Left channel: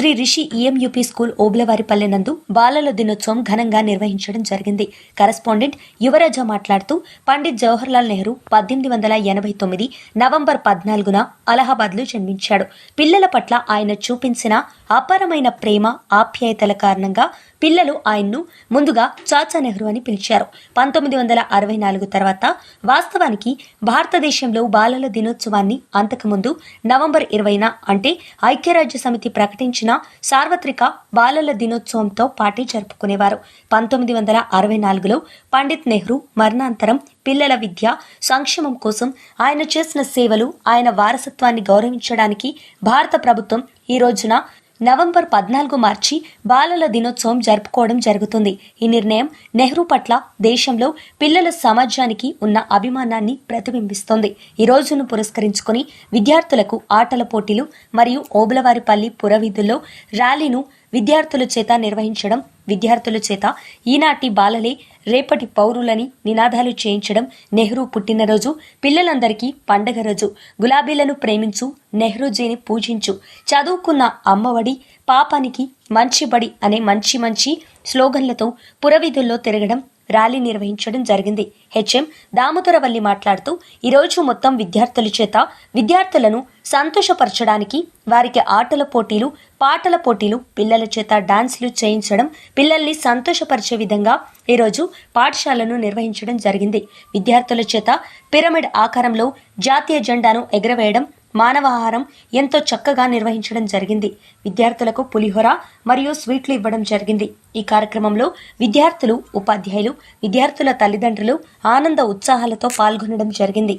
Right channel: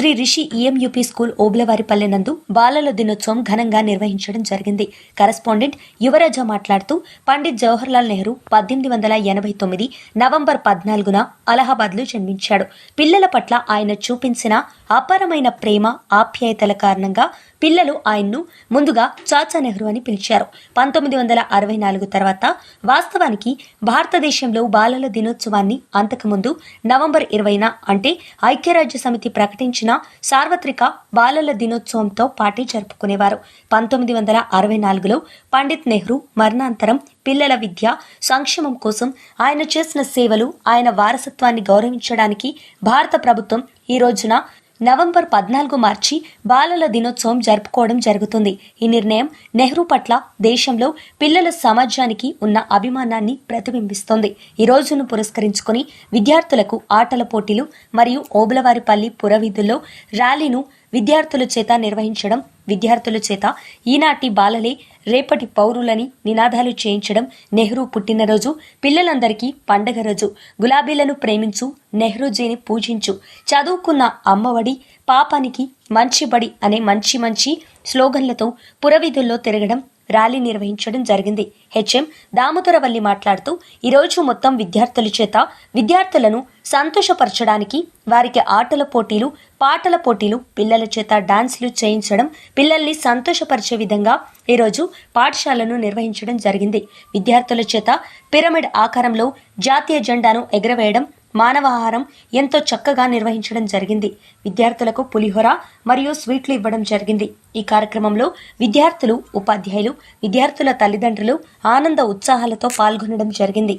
Shri Rishi EMUP school ఓబ్లవారిపల్లె నందు బాలల దినోత్సవం ఘనంగా నిర్వహించడం జరిగింది. కరస్పాండెంట్ యువరాజ మాట్లాడుతూ పండిత్ జవహర్లాల్ నెహ్రూ పద్దెనిమిది వందల ఎనభై తొమ్మిది నవంబర్ పద్నాలుగున అలహాబాద్లో జన్మించాడు. పిల్లల పట్ల ఆయన చూపించిన అపారమైన ప్రేమ ఆప్యాయతల కారణంగా పిల్లలు ఆయన్ను ముందుగా చాచా నెహ్రూ అని పిలిచారు. పంతొమ్మిది వందల అరవై నాలుగు తర్వాత వాస్తవానికి భారతదేశంలో బాలల దినోత్సవాన్ని అంతకుముందు నవంబర్ ఇరవైన అంటే ఐక్యరాజ్య సమితి ప్రకటించిన సార్వత్రిక బాలల దినోత్సవంతో పాటి జరుపుకునేవారు. పంతొమ్మిది వందల అరవై నాలుగులో పండిత్ నెహ్రూ మరణాంతరం పిల్లల విద్య సంక్షేమం కోసం ఆయన చేసిన సేవలు ఆయన వారసత్వాన్ని గౌరవించడానికి భారత ప్రభుత్వం ఈ రోజున నవంబర్ పద్నాలుగు మార్చి బాలల దినోత్సవం జరుపుకోవడం జరుగుతుంది. ఈ నిర్ణయం నెహ్రూ పట్ల దేశంలో పిల్లల సమాజానికి ఉన్న అభిమానాన్ని ప్రతిబింబిస్తోంది. ఈ రోజును పురస్కరించుకొని విద్యార్థులకు ఆటల పోటీలు మరియు ఓబులవారిపల్లి పురవీధుల్లో ర్యాలీను విద్యార్థుల చేత నిర్వహించడం విద్యార్థుల చేత ఈనాటి బాలలే రేపటి పౌరులని నినాదాలు చేయించడం నెహ్రూ పుట్టినరోజు పిల్లలందరికీ పండగ రోజు. గులాబీలను ప్రేమించు నెహ్రూజీని పూజించు. చదువుకున్న అమ్మఒడి పాపానికి మంచి బడి అనే మంచి మంచి స్లోగన్లతో పురవీధుల్లో తిరగడం ర్యాలీ నిర్వహించడం జరిగింది. హెచ్ఎం దామోదరవల్లి మాట్లాడుతూ ఈరోజు మొత్తం విద్యార్థుల చేత విద్యార్థులను సంతోషపరచడానికి వారికి ఆటల పోటీలు పాటల పోటీలు పిల్లల చేత డాన్సులు చేయించడం పిల్లల్ని సంతోషపరిచే విధంగా ఈరోజు పాఠశాలను నిర్వహించడం జరిగింది. విద్యార్థుల చేత పిరమిడ్ ఆకారంలో జాతీయ జెండాను ఎగరవేయడం మానవాహారం ఎంతో చక్కగా నిర్వహించడం జరిగింది. విద్యార్థులకు పులిహోర మరియు స్వీట్లు ఇవ్వడం జరిగింది. ఈ కార్యక్రమంలో విద్యార్థులు ఉపాధ్యాయులు విద్యార్థుల తల్లిదండ్రులు ఆనంద ఉత్సాహాలతో పాల్గొనడం జరిగింది.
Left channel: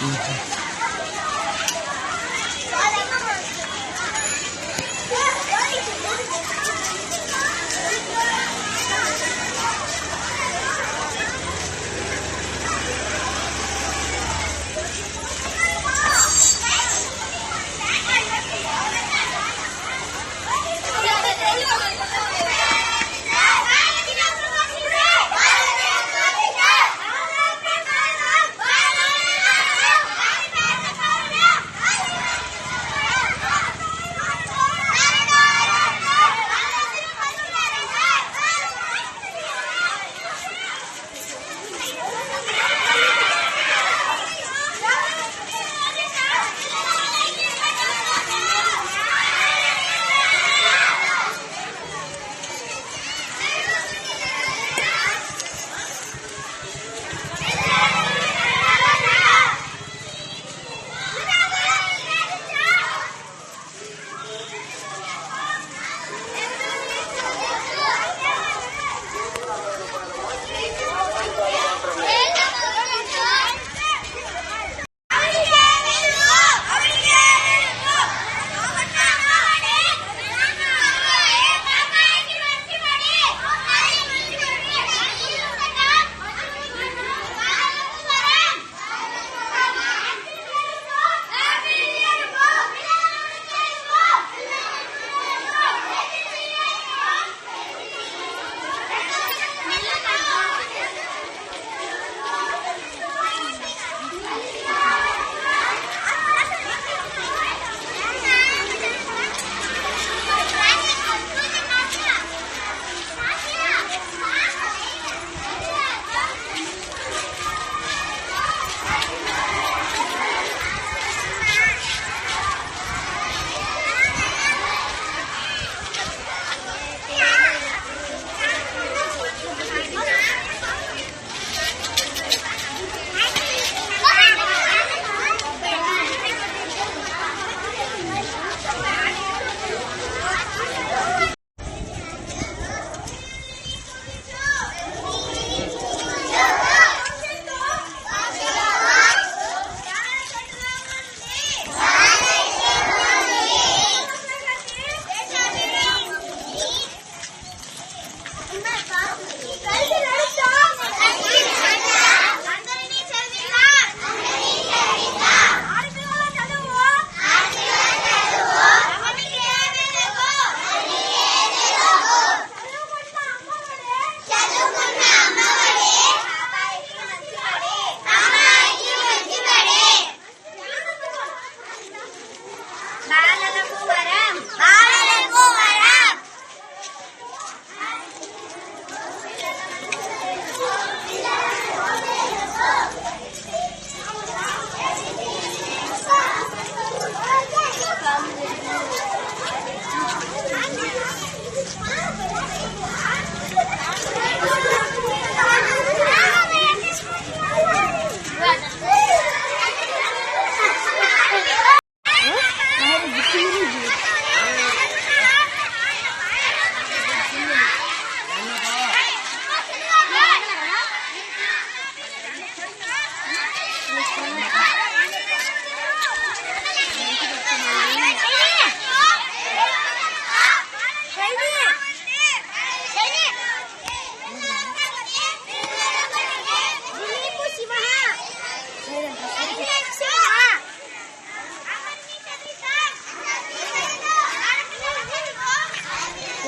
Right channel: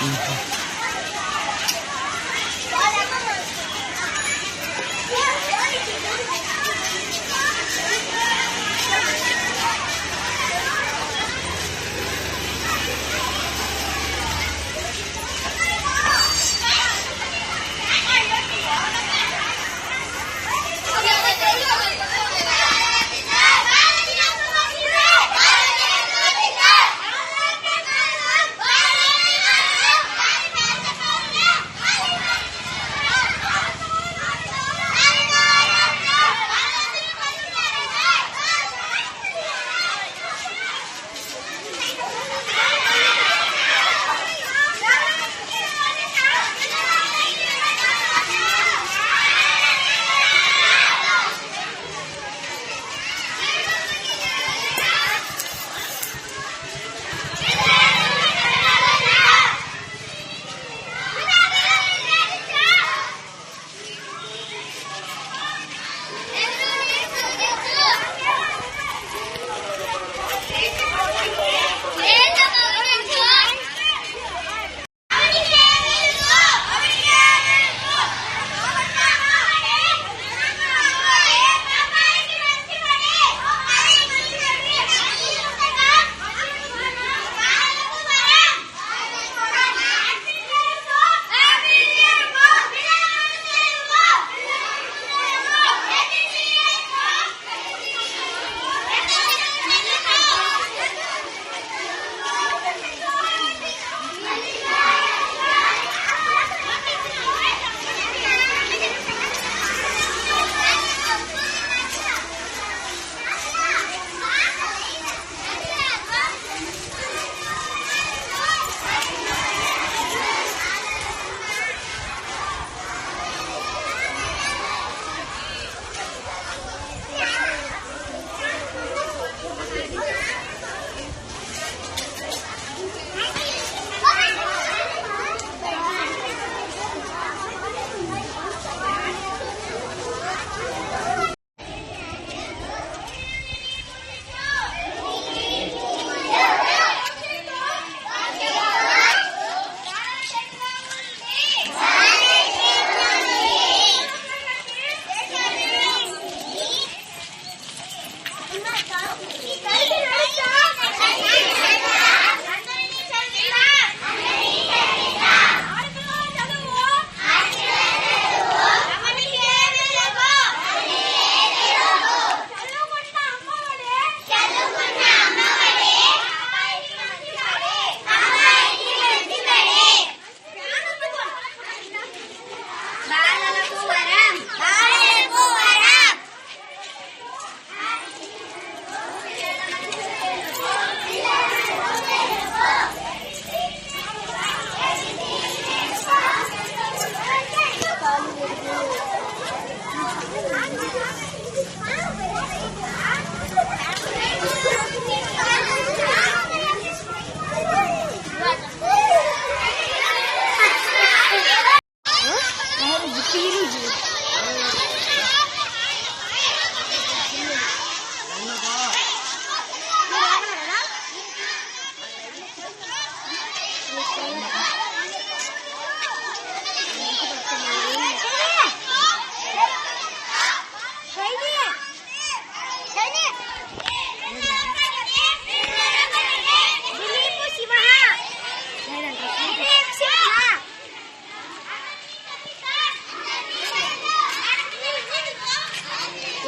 Mm-hmm.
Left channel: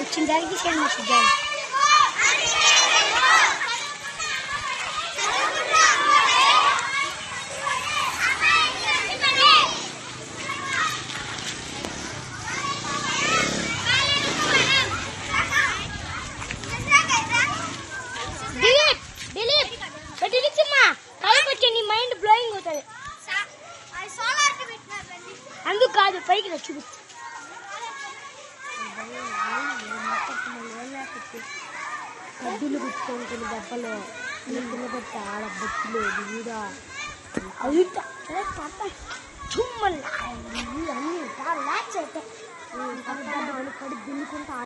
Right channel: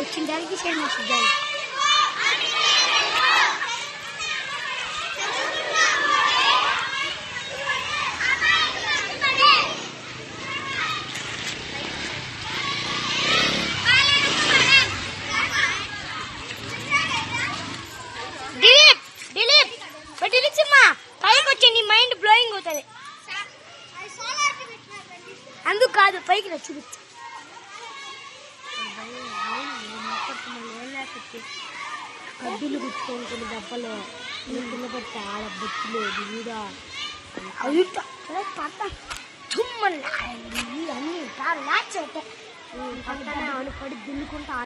Очень дорогие, сильно сидели. చూపించు కడ్డీలు గుచ్చుకొని దెబ్బలు కింద పడితే ఆడ బొచ్చులు వీడ అవి పట్ట చుమ్మని అన్ని లాచ్ అవుతాయి పడి దున్నుకుంటా